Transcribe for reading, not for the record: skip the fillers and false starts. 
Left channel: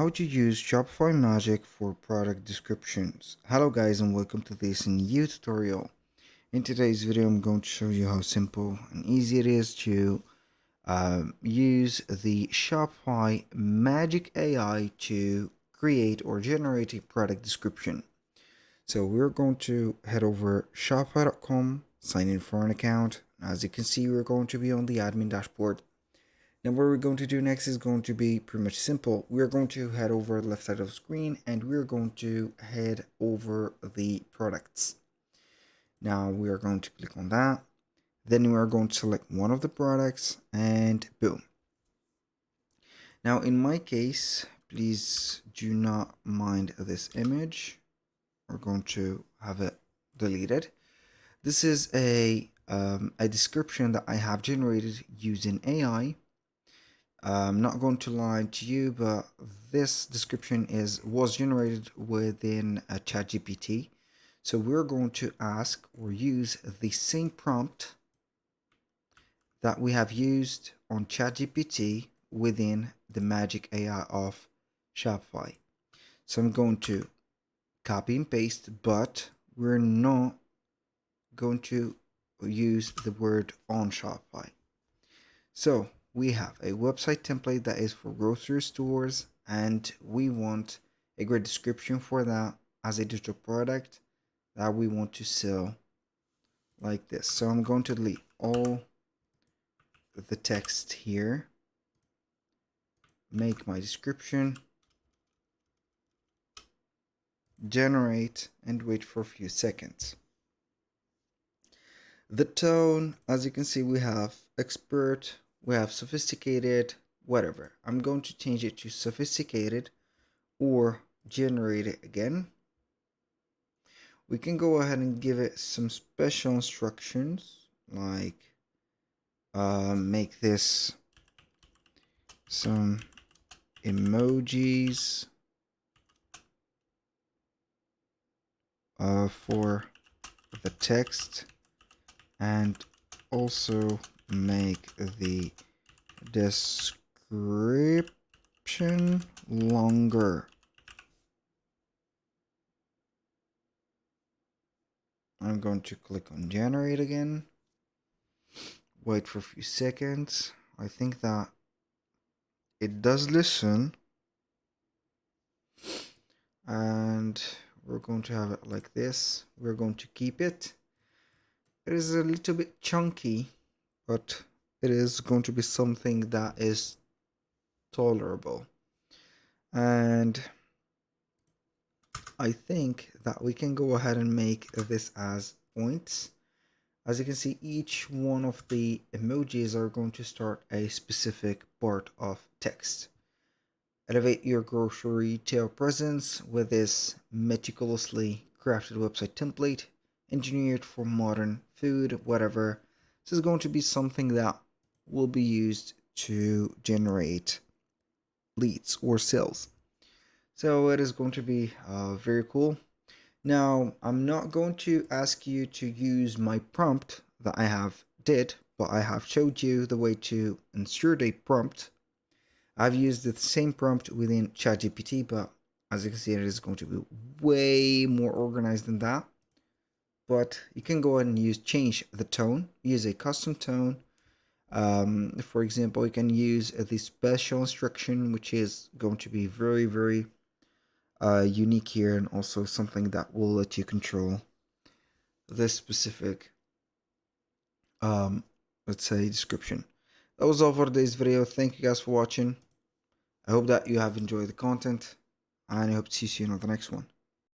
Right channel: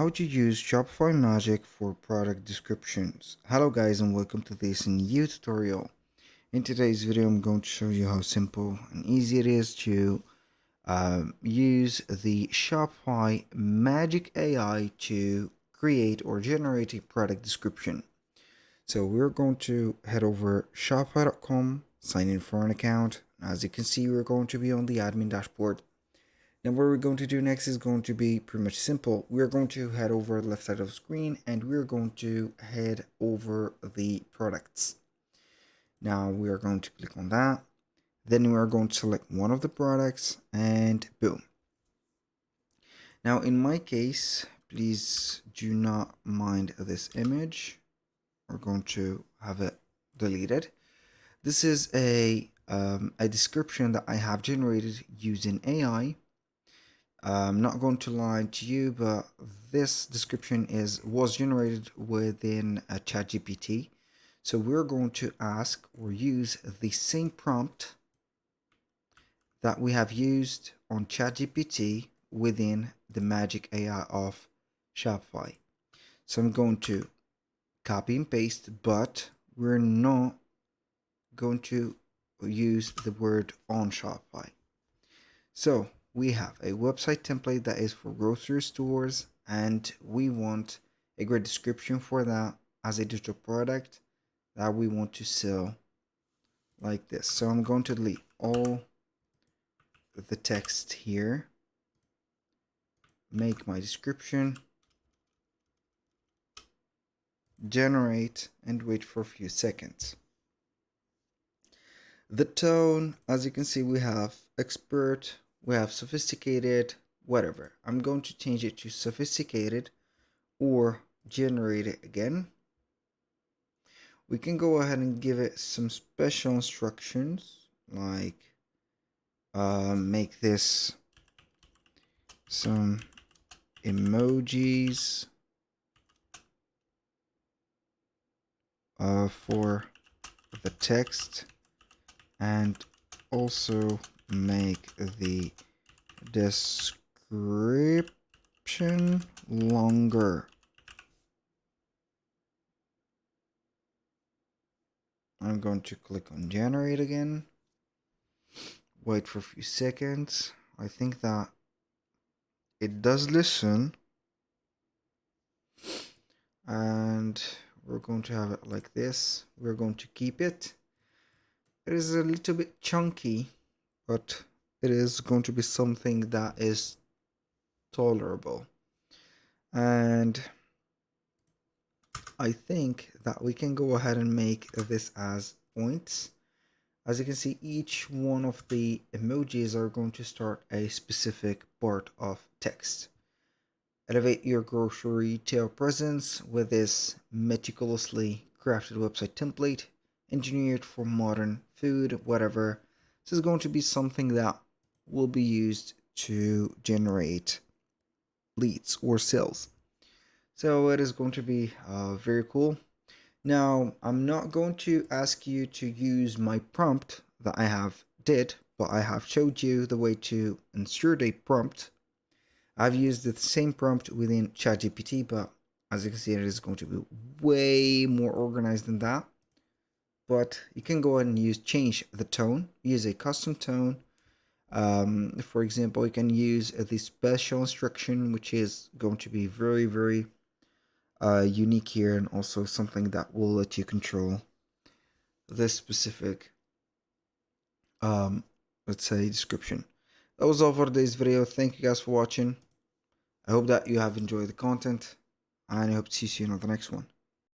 How to use Shopify Magic for product descriptions. Hello guys, and welcome to this new tutorial. In today's video I'm going to show you how simple and easy it is to use the Shopify Magic AI to create or generate a product description. So we're going to head over shopify.com, sign in for an account. As you can see, we're going to be on the admin dashboard. Now what we're going to do next is going to be pretty much simple. We're going to head over the left side of the screen and we're going to head over the products. Now we are going to click on that. Then we are going to select one of the products and boom. Now in my case, please do not mind this image. We're going to have it deleted. This is a description that I have generated using AI. I'm not going to lie to you, but this description was generated within a ChatGPT. So we're going to ask or use the same prompt that we have used on ChatGPT within the Magic AI of Shopify. So I'm going to copy and paste, but we're not going to use the word on Shopify. So we have a website template that is for grocery stores, and we want a great description for that as a digital product that we want to sell like this. So I'm going to delete all the text here, make my description, generate, and wait for a few seconds. The tone, as you can see, we have expert, we have sophisticated, whatever. I'm going to change it to sophisticated or generate it again. We can go ahead and give it some special instructions like make this some emojis for the text, and also make the description longer. I'm going to click on generate again, wait for a few seconds. I think that it does listen, and we're going to have it like this. We're going to keep it. It is a little bit chunky, but it is going to be something that is tolerable. And I think that we can go ahead and make this as points. As you can see, each one of the emojis are going to start a specific part of text. Elevate your grocery retail presence with this meticulously crafted website template, engineered for modern food, whatever. This is going to be something that will be used to generate leads or sales. So it is going to be very cool. Now, I'm not going to ask you to use my prompt that I have did, but I have showed you the way to insert a prompt. I've used the same prompt within ChatGPT, but as you can see, it is going to be way more organized than that. But you can go ahead and change the tone, use a custom tone. For example, you can use the special instruction, which is going to be very, very unique here, and also something that will let you control this specific, let's say, description. That was all for today's video. Thank you guys for watching. I hope that you have enjoyed the content, and I hope to see you soon on the next one.